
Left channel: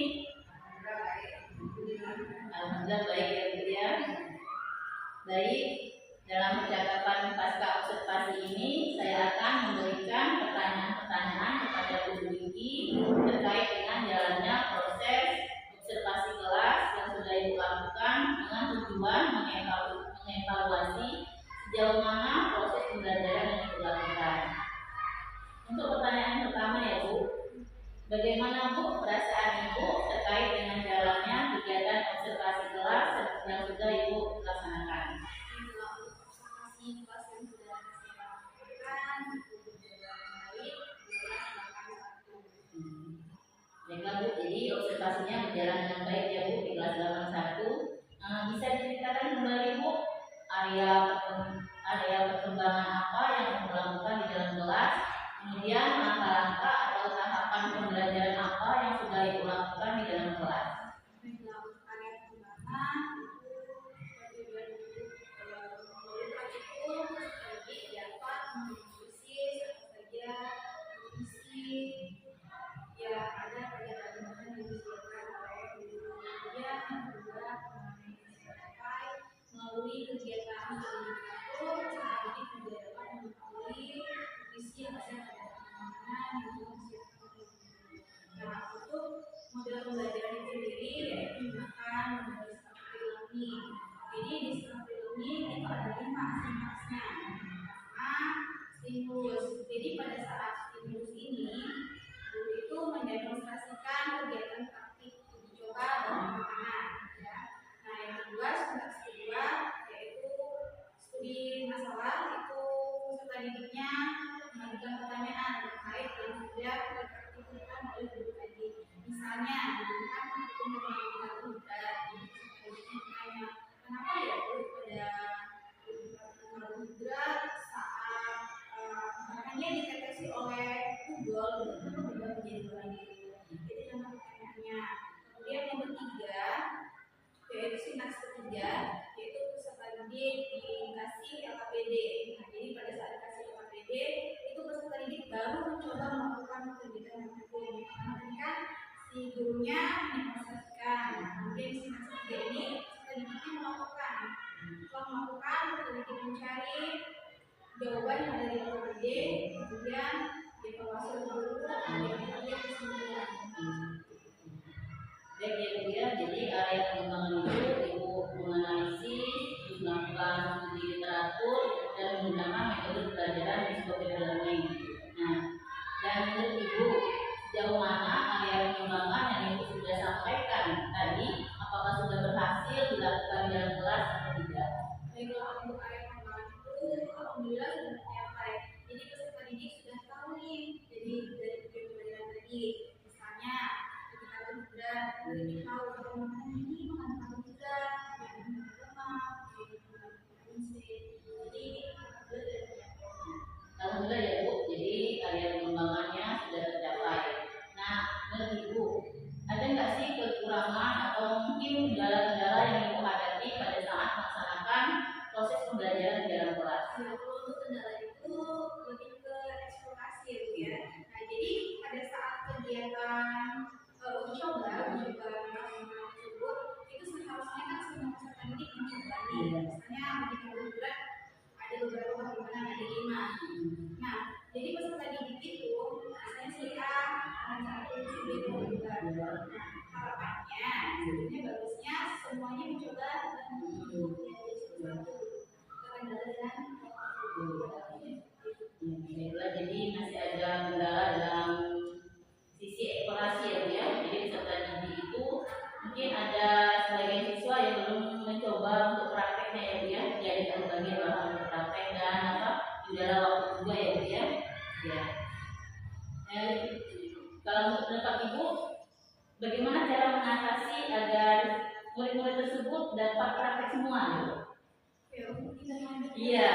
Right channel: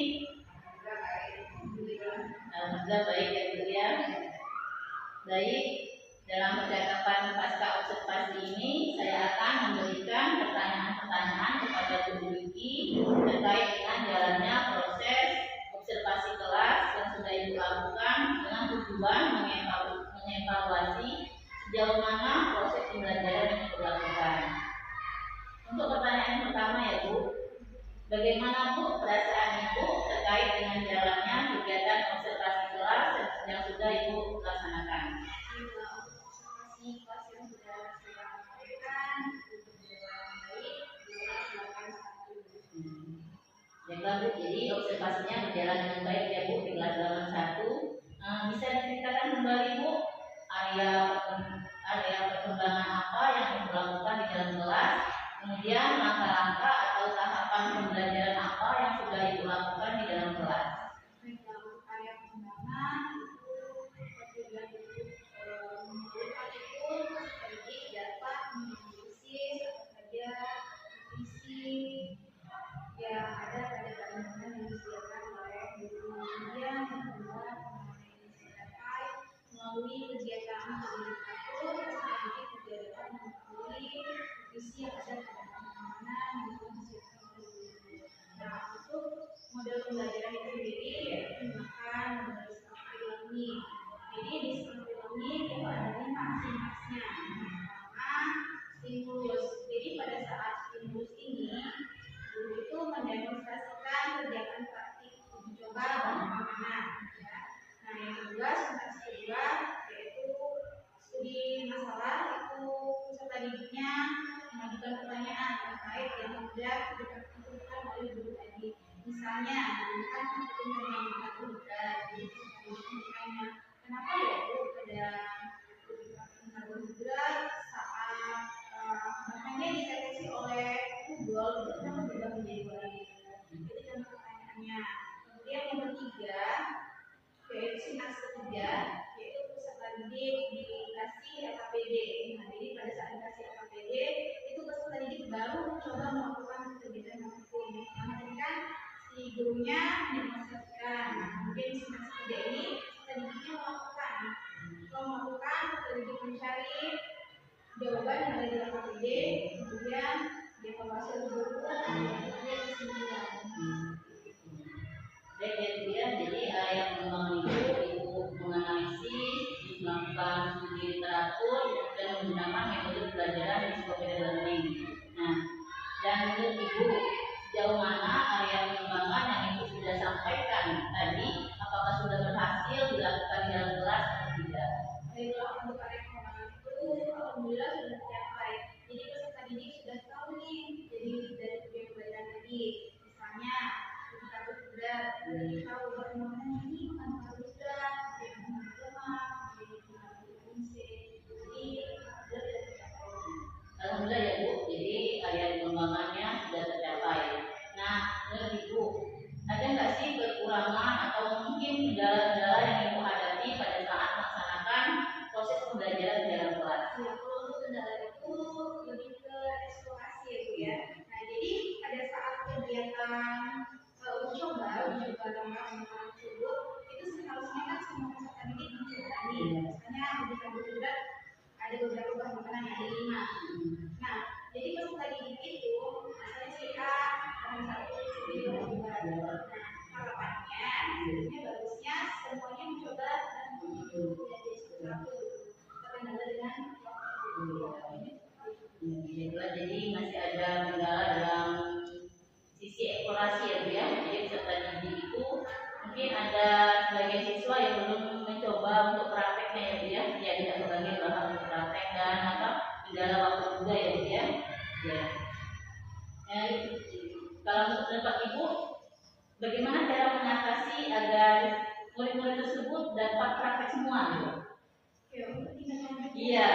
Alhamdulillah baik ya Bu ya. Baik, dalam percakapan pasca observasi ini saya akan memberikan pertanyaan-pertanyaan kepada Bu Wiki terkait dengan jalannya proses observasi kelas yang sudah Ibu lakukan dengan tujuan mengevaluasi sejauh mana proses pembelajaran yang Ibu lakukan. Untuk pertanyaan pertama ya Bu, bagaimana Bu perasaan Ibu terkait dengan jalannya kegiatan observasi kelas yang sudah Ibu laksanakan? kondisi kelas yang sudah saya lakukan itu berjalan baik di kelas 81. Baiklah Bu, jadi observasinya berjalan dengan baik ya Bu di kelas 81. Bisa diceritakan kembali Bu area perkembangan apa yang Ibu lakukan di dalam kelas, kemudian langkah-langkah atau tahapan pembelajaran apa yang sudah Ibu lakukan di dalam kelas. Baiklah, untuk area pengembangan itu tujuan melalui praktikum sekaligus dapat menganalisis apa saja visi yang ada pada bahan-bahan yang disediakan oleh guru. Kemudian yang kedua, pengalaman yang bisa dicapai melalui kegiatan edukator sekaligus juga dapat mengetahui visi yang ada pada pengamanan yang telah disiapkan oleh guru. Nah, untuk model pembelajaran itu sendiri yaitu menggunakan model discovery learning. Jadi discovery learning itu ada 5 simpaksnya. Yang pertama, stimulus. Jadi pada saat stimulus ini, guru itu mendemonstrasikan kegiatan praktik uji coba dan pengamanan. Ya. Nah, yang kedua, sintaks kedua yaitu studi masalah. Itu peserta didiknya mengajukan pertanyaan terkait yang sudah dipraktikkan oleh guru tadi. Misalnya, menggunakan perhitungan yang karbohidrat. Jadi peserta didiknya bertanya, kenapa ya Bu pada praktikum karbohidrat saat bahannya dideteksi oleh Google, kenapa berubah menjadi warna biru? Itu contoh pertanyaannya. Kemudian yang ketiga, yaitu sintaks ketiga, yaitu peserta didik dikasih LKPD. Nah, jadi pada saat dikasih LKPD, itu peserta didik baru mencoba melakukan kegiatan praktikum. Karena tadi kan si gurunya mendemonstrasikan. Nah, kemudian di sintaks ketiga ini peserta didiknya melakukan. Setelah melakukan, peserta didik mencari jawaban yang ada di LKPD, kemudian dievaluasi oleh guru, kemudian kesimpulan. Baik ya Bu ya, jadi area pengembangan itu Ibu menganalisis, melakukan studi literatur dan menggunakan metode pembelajaran discovery learning. Nah, dan menurut Ibu sejauh mana area pengembangan yang Ibu sudah sampaikan tadi, apakah sudah berhasil dilakukan di dalam kelas atau tidak? Baiklah, untuk area pengembangan itu alhamdulillah sudah tercapai. Jadi peserta didik sudah tahu nih, jadi dari tujuan pembelajaran tadi, misalnya ketika karbohidrat, jadi tahu kalau makanan ini mengandung karbohidrat, yang mengandung lemak, jadi mengandung vitamin C. Jadi sudah tidak tercapai. Alhamdulillah ya Bu, jadi area pengembangannya sudah tercapai. Nah, menurut Ibu, ada nggak sih kekurangan atau mungkin kendala-kendala yang Ibu hadapi pada saat melaksanakan proses pembelajaran di dalam kelas? Ya, kalau untuk kendala itu lebih ke eksplorasi ya Bu ya. Nah, jadi pada saat kegiatan uji coba pengamanan tersebut, itu seharusnya kan semua peserta didik mencoba nih. Misalnya uji karbohidrat ada beberapa bahan makanan, ada 5. Nah, jadi peserta didik itu misalnya si A, bahan 1, si B, bahan 2. Nah, harapannya, sebenarnya bagusnya semuanya mencoba dan jadi satu-satu. Terkendala dengan Baiklah, jadi masih ada kendala dalam sisi eksplorasi ya Bu ya. Jadi peserta didik itu mungkin ada sebagian siswa yang belum mencoba untuk prakteknya ya Bu ya. Dia tidak membagi bahan untuk praktek dan atau di dalam waktu juga ya Bu ya. Ya. Kalau menurut pendapat Ibu, bagaimana cara mengatasi agar murid-murid tersebut dapat praktek semua gitu? ya, untuk tidak lanjut. Iya.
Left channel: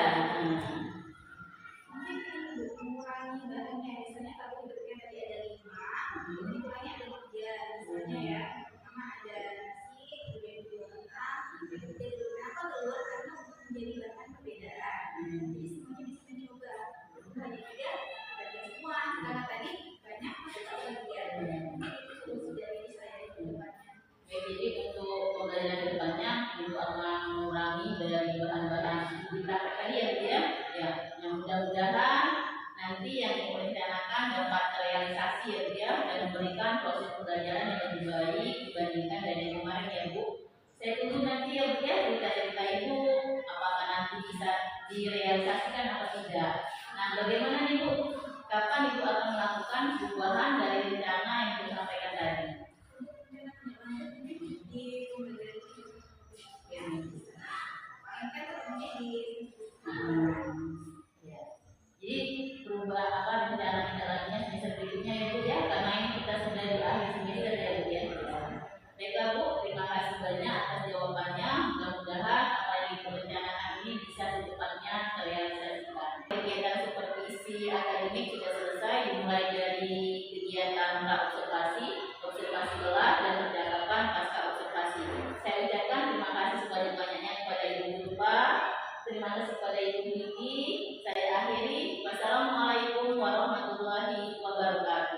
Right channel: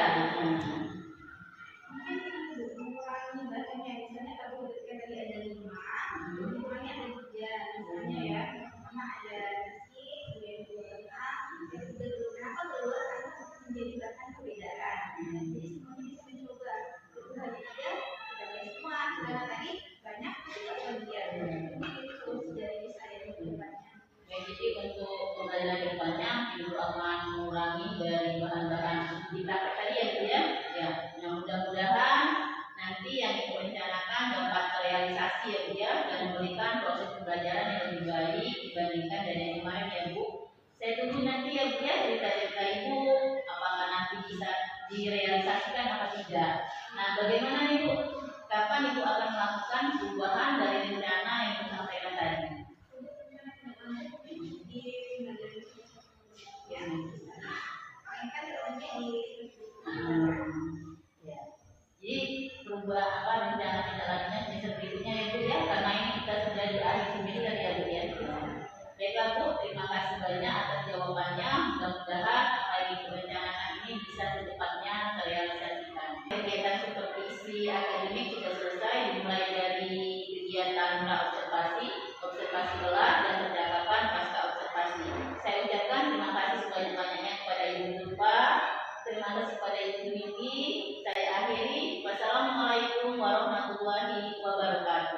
Mungkin ini mengurangi bahannya, misalnya karbohidratnya tadi ada 5, dikurangi ada 3, misalnya ya. Pertama ada nasi, kemudian dua kentang, yang ketiga telur. Kenapa telur? Karena untuk menjadi bahan perbedaan. Jadi semuanya bisa mencoba. Telur hanya 3, kebagian semua. Sedangkan tadi banyak masih tak kebagian. Mungkin itu solusi dari saya di depannya. Baik, jadi untuk pembelajaran kedepannya Ibu akan mengurangi dari bahan-bahan di praktek tadi ya Bu ya. Ya, yang mudah-mudahan nanti yang Ibu rencanakan dapat terrealisasi ya Bu ya, dan memberikan proses pembelajaran yang lebih baik dibandingkan dari yang kemarin ya Bu. Saya tunggu nanti ya Bu ya cerita-cerita Ibu, apakah nanti bisa direalisasikan atau tidak. Nah, bagaimana nih Bu? Kapan Ibu akan melakukan perubahan dari rencana yang Ibu sampaikan tadi? Di pembelajaran ya, paling kan terutama di rencana tindak lanjutnya semester berikutnya ya Bu ya, karena ini kita sudah di akhir semester ya Bu ya. Baiklah Bu, terima kasih banyak atas jawabannya. Mudah-mudahan apa yang kita rencanakan ini bisa secepatnya terrealisasikan. Kegiatan supervisi akademik sudah selesai, dimulai dari kegiatan pra-observasi, observasi kelas, dan percakapan pasca observasi. Saya ucapkan terima kasih sebanyak-banyaknya kepada Ibu Zulfa, terima kasih kepada Ibu Vicky. Saya akhiri. Wassalamualaikum warahmatullahi wabarakatuh.